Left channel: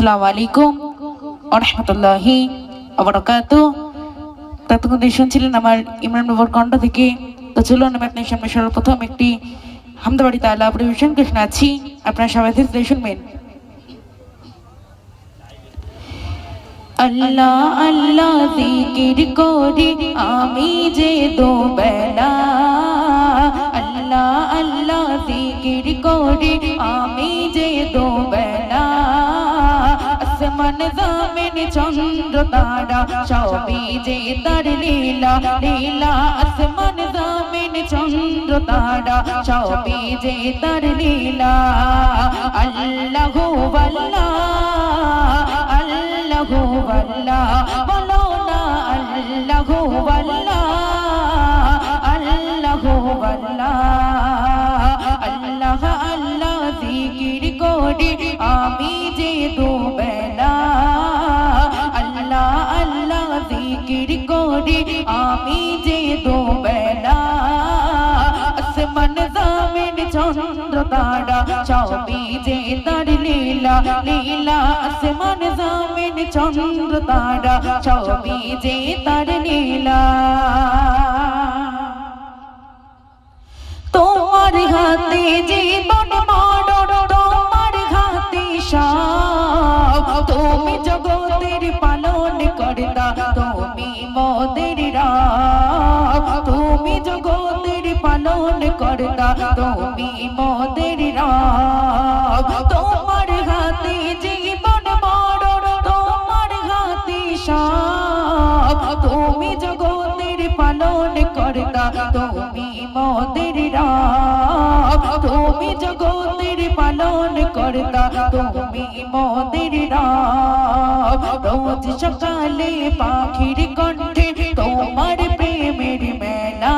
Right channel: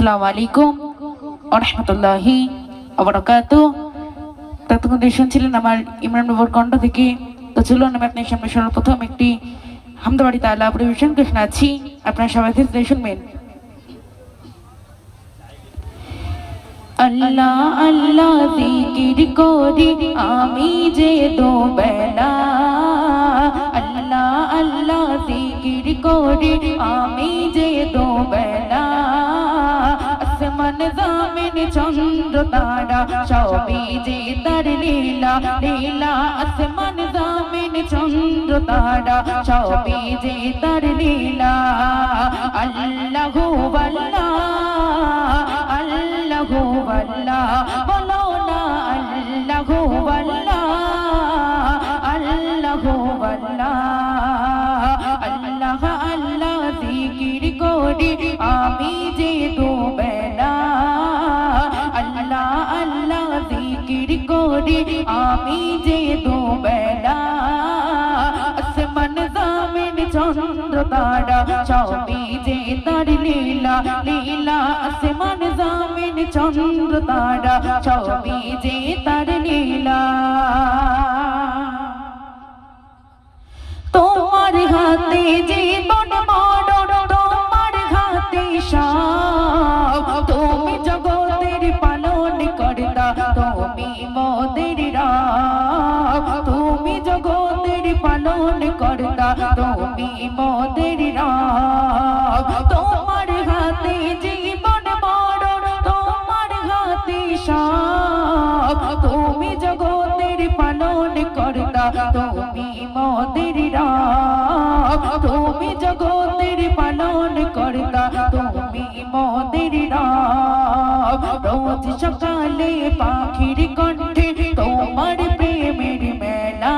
আসসালামু আলাইকুম ওয়া রাহমাতুল্লাহি ওয়া বারাকাতুহু। ততক্ষণ শুনছিলেন আমার ইমরান বাবুর কণ্ঠ থেকে। তো চলুন আমি আপনার সামনে সর্বপ্রথম একটি হামদবাড়ি তাআলা পরিবেশন করে শোনাচ্ছি, আপনারা সবাই ধীরে শুনবেন। আল্লাহ আল্লাহ জিকির করি আমি যে দুবেলা, আল্লাহ আল্লাহ জিকির করি আমি যে দুবেলা, আসমান জমিন চন্দ্র তারা সবই যে তার লীলা লীলা, আসমান জমিন চন্দ্র তারা সবই যে তার লীলা। আল্লাহু আল্লাহ আল্লাহু আল্লাহ বলো না আল্লাহু আল্লাহ আল্লাহু আল্লাহ, আল্লাহ আল্লাহ জিকির করি আমি যে দুবেলা, আল্লাহ আল্লাহ জিকির করি আমি যে দুবেলা, আসমান জমিন চন্দ্র তারা সবই যে তার লীলা লীলা, আসমান জমিন চন্দ্র তারা সবই যে তার লীলা। তোমার হাতে জীবন মরণ, তোমার হাতে সব, তুমি জগতের পালন কর্তা, তুমি মোদের রব, তুমি জগতের পালন কর্তা, তুমি মোদের রব। তোমার হাতে জীবন মরণ, তোমার হাতে সব, তুমি জগতের পালন কর্তা, তুমি মোদের রব, তুমি জগতের পালন কর্তা, তুমি মোদের রব। রোজ সকালে পাখির কণ্ঠে তোমার প্রেমের মেলা,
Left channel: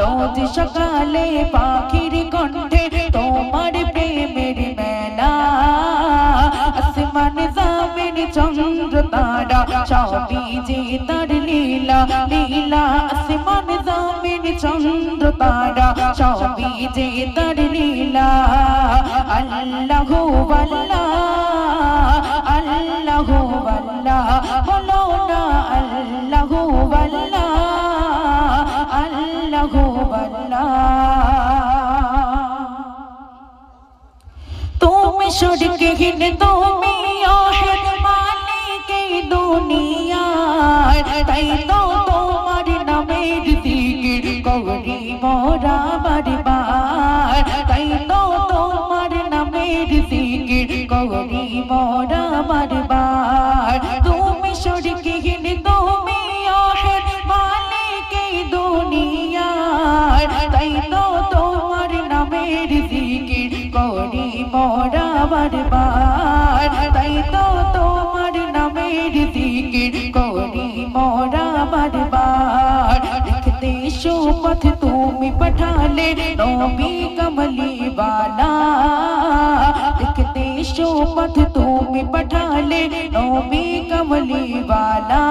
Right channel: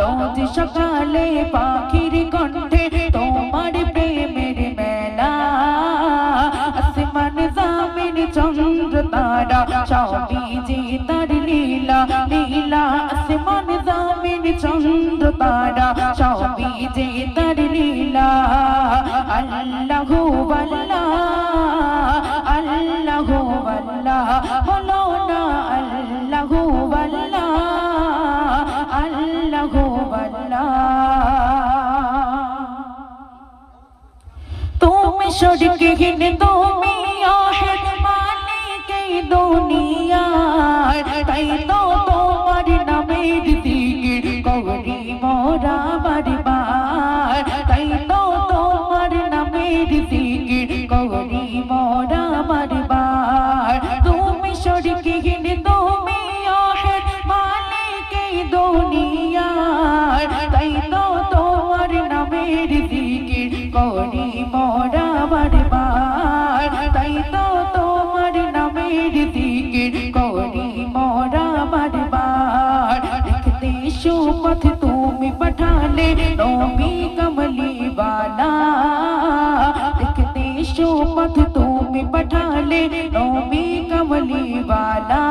রোজ সকালে পাখির কণ্ঠে তোমার প্রেমের মেলা, আসমান জমিন চন্দ্র তারা সবই যে তার লীলা লীলা, আসমান জমিন চন্দ্র তারা সবই যে তার লীলা। আল্লাহু আল্লাহ আল্লাহু আল্লাহ বলো না আল্লাহু আল্লাহ আল্লাহু আল্লাহ। তুমি শরীকহীন তুমি আহেদ মালিক দুনিয়ার, তাই তো তোমার নামের জিকির করি মোরা বারবার, তাই তো তোমার নামের জিকির করি মোরা বারবার। তুমি শরীকহীন তুমি আহেদ মালিক দুনিয়ার, তাই তো তোমার নামের জিকির করি মোরা বারবার, তাই তো তোমার নামের জিকির করি মোরা বারবার। দেখতে সুপথ তুমি পাঠালে নবী কমলি वाला, দেখতে সুপথ তুমি পাঠালে নবী কমলি वाला,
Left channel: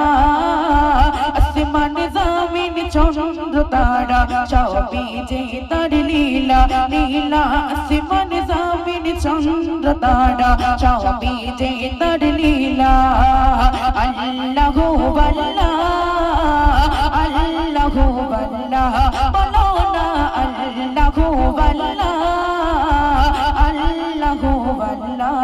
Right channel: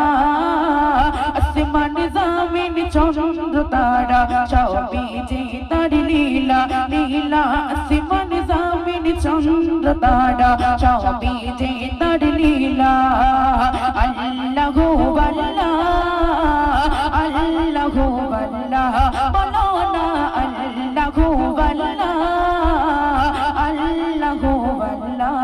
আসমান জমিন চন্দ্র তারা সবই যে তার লীলা লীলা, আসমান জমিন চন্দ্র তারা সবই যে তার লীলা। আল্লাহু আল্লাহ আল্লাহু আল্লাহ বলো না আল্লাহু আল্লাহ আল্লাহু আল্লাহ।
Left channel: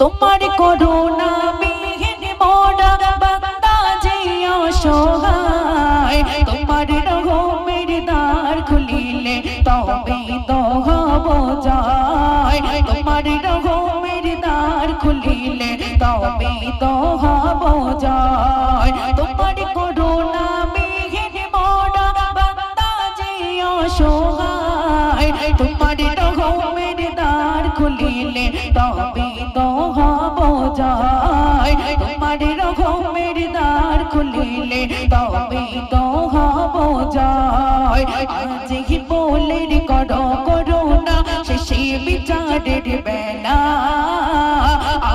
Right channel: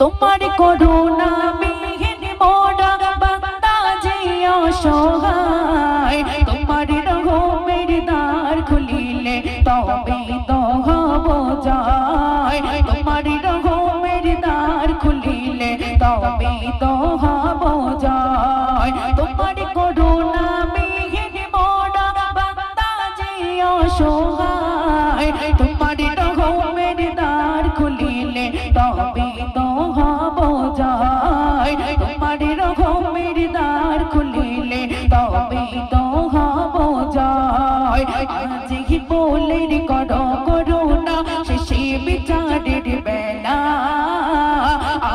তোমার করুণা বিহীন মোরা বান্দা যে অসহায়, তোমার রহমের দ্বার খুলিলে তবে তো হব জয়, তোমার রহমের দ্বার খুলিলে তবে তো হব জয়। তোমার করুণা বিহীন মোরা বান্দা যে অসহায়, তোমার রহমের দ্বার খুলিলে তবে তো হব জয়, তোমার রহমের দ্বার খুলিলে তবে তো হব জয়। আজ হি বলের করো করুণা শেষে বিচারের বেলা,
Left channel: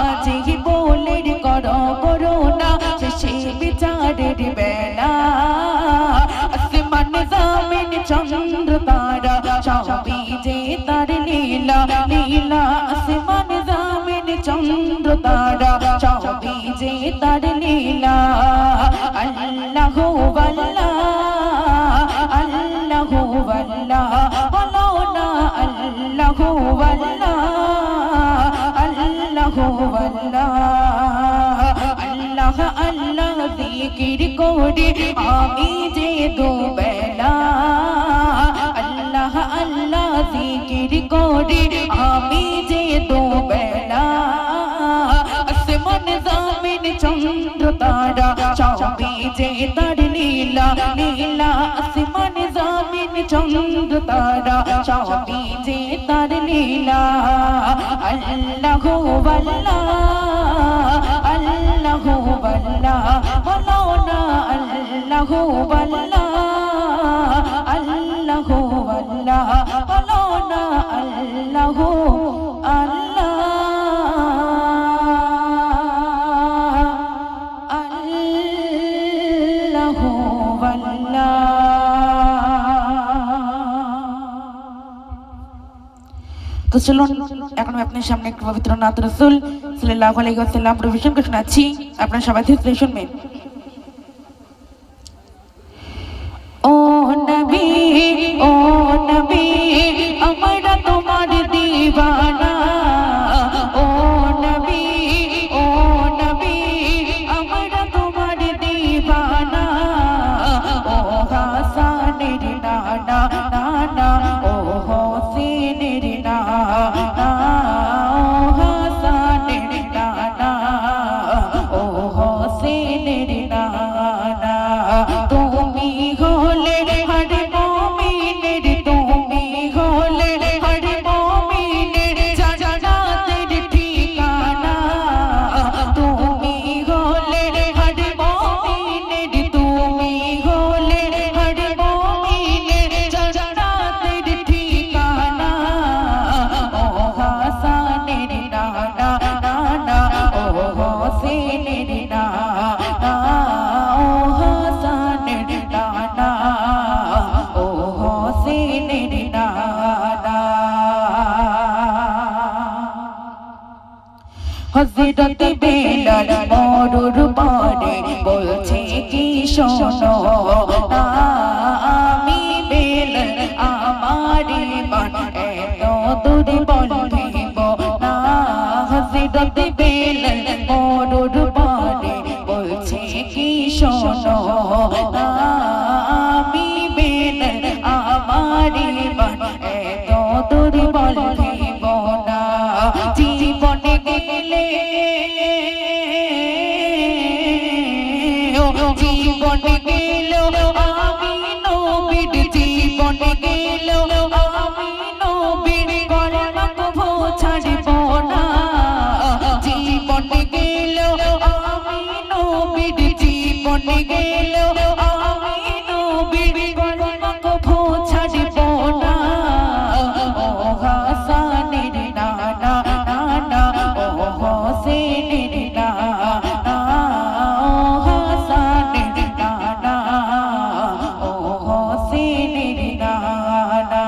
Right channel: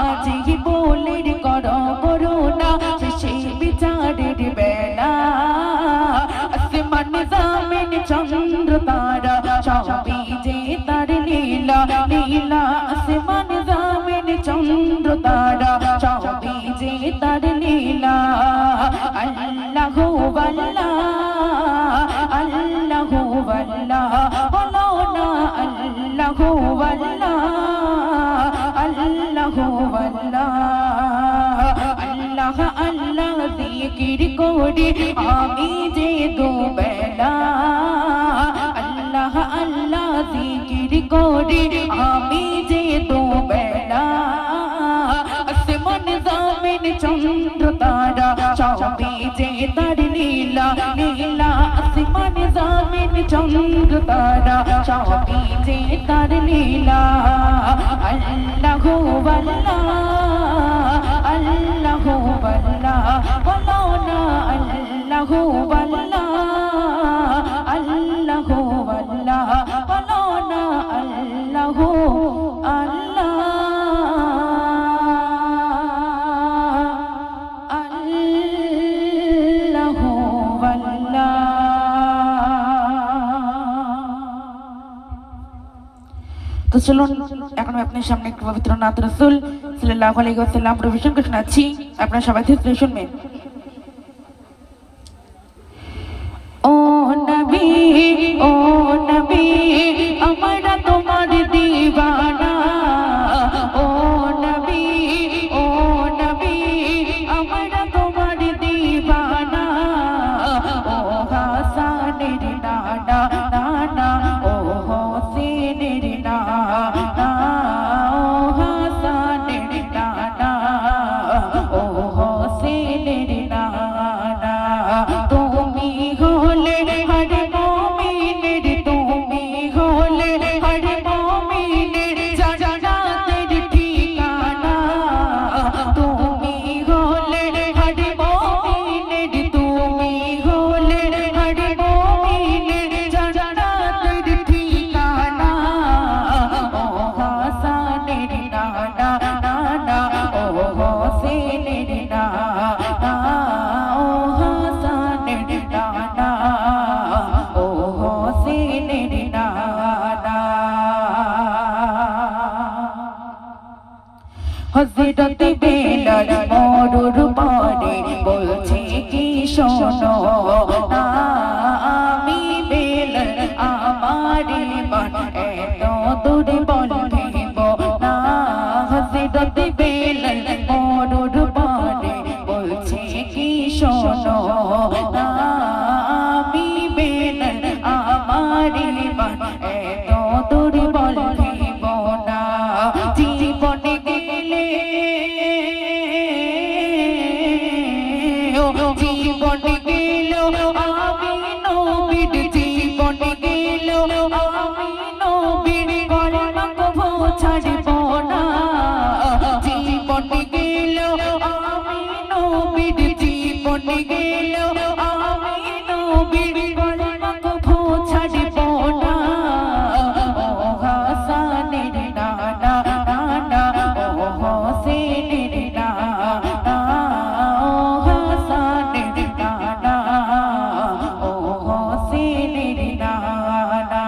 আজ হি বলের করো করুণা শেষে বিচারের বেলা, আসমান জমিন চন্দ্র তারা সবই যে তার লীলা লীলা, করে আমি যে দুবেলা আল্লাহ আল্লাহ জিকির করে আমি যে দুবেলা আসমান জমিন চন্দ্র তারা সবই যে তার লীলা লীলা আসমান জমিন চন্দ্র তারা সবই যে তার লীলা আল্লাহু আল্লাহ আল্লাহু আল্লাহ বলো না আল্লাহু আল্লাহ আল্লাহু আল্লাহ বলো না আল্লাহু আল্লাহ আল্লাহু আল্লাহ। তো চলুন এখন আমি আপনার সামনে একটু পবিত্র নাত রাসূল সাল্লাল্লাহু আলাইহি ওয়াসাল্লাম প্রবেশন করে শোনাচ্ছি, আপনারা সবাই ধীরে শুনবেন। ও নবী আমরা তোমার দিওয়ানা ও নবী আমরা তোমার দিওয়ানা ও হাসানের নানা নানা ও হোসেনের নানা ও হাসানের নানা ও হোসেনের নানা তুমি হলে হর মুমিনের তুমি হলে হর মুমিনের জান্নাতের ঠিকানা তুমি হলে হর মুমিনের তুমি হলে হর মুমিনের জান্নাতের ঠিকানা ও হাসানের নানা নানা ও হোসেনের নানা ও হাসানের নানা ও হোসেনের নানা হযরত বেলাল মরুর পারে বলছে কি শোনো না আমি বেলাল আমার ইমান এত দুর্বল ভেব না হযরত বেলাল মরুর পারে বলছে কি শোনো না আমি বেলাল আমার ইমান এত দুর্বল ভেব না জীবনে গেলে জীবনে গেল আমি নবীর জীবনে গেল আমি নবীর গর্ব ছাড়ব না জীবনে গেল আমি নবীর জীবনে গেল আমি নবীর গর্ব ছাড়ব না ও হাসানের নানা নানা ও হোসেনের নানা ও হাসানের নানা ও হোসেনের নানা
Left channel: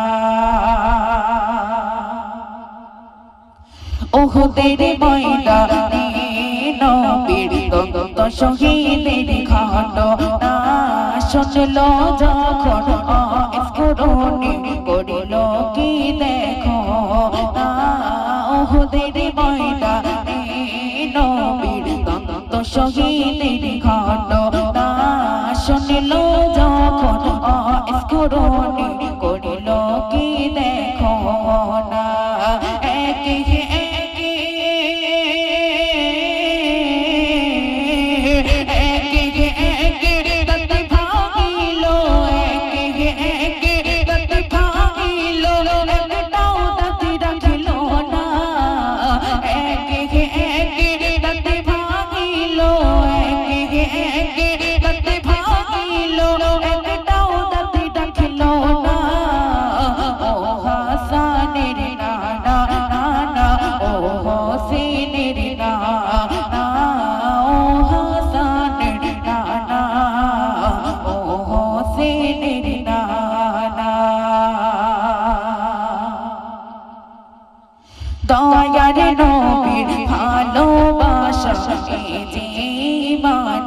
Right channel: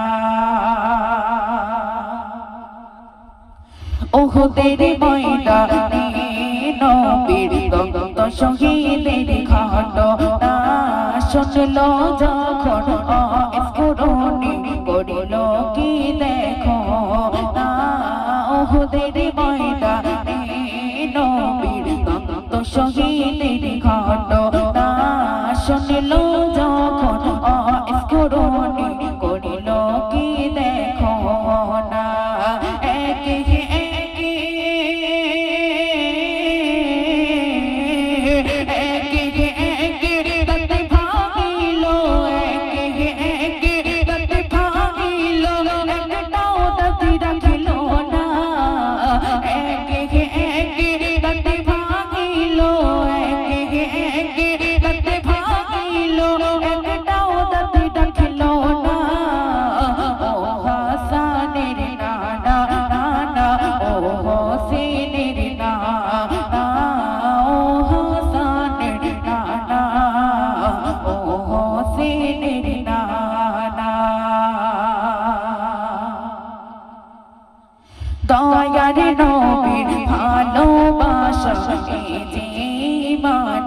ওহুদের ময়দানে নবীর দন্ত শহীদের ঘটনা শুনলো যখন স্ফুরণি করিল কি দেখো না ওহুদের ময়দানে নবীর দন্ত শহীদের ঘটনা শুনলো যখন স্ফুরণি করিল কি দেখো না একে দয়ার নবীর ভালোবাসা এই জীবনের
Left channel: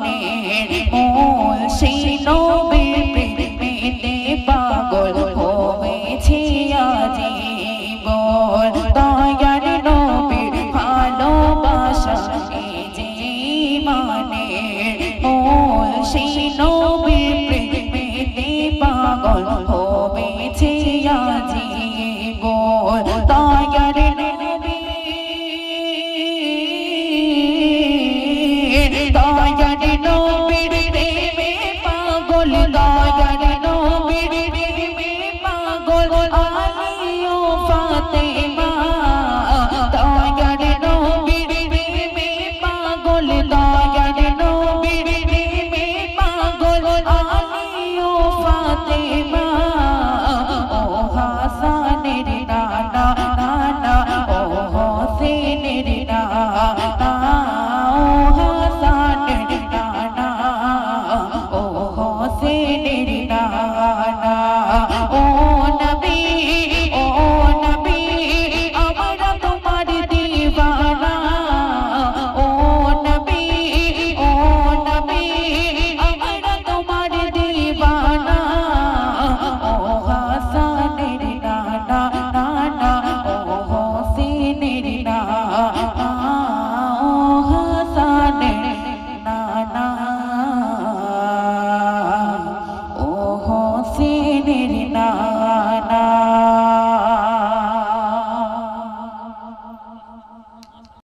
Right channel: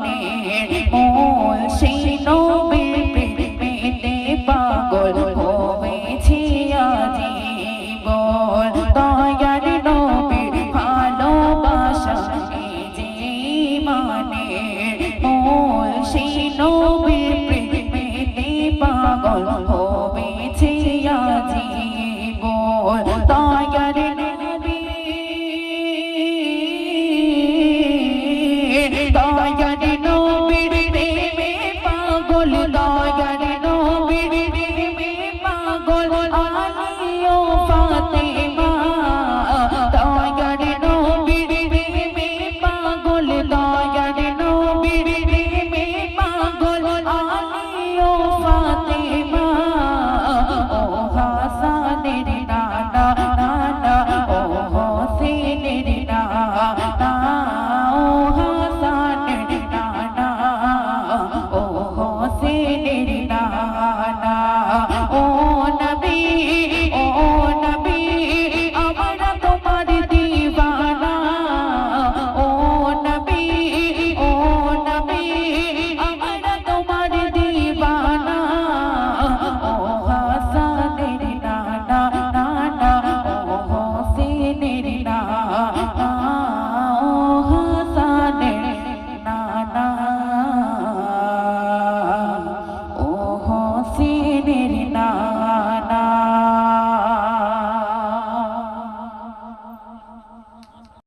মূল সেই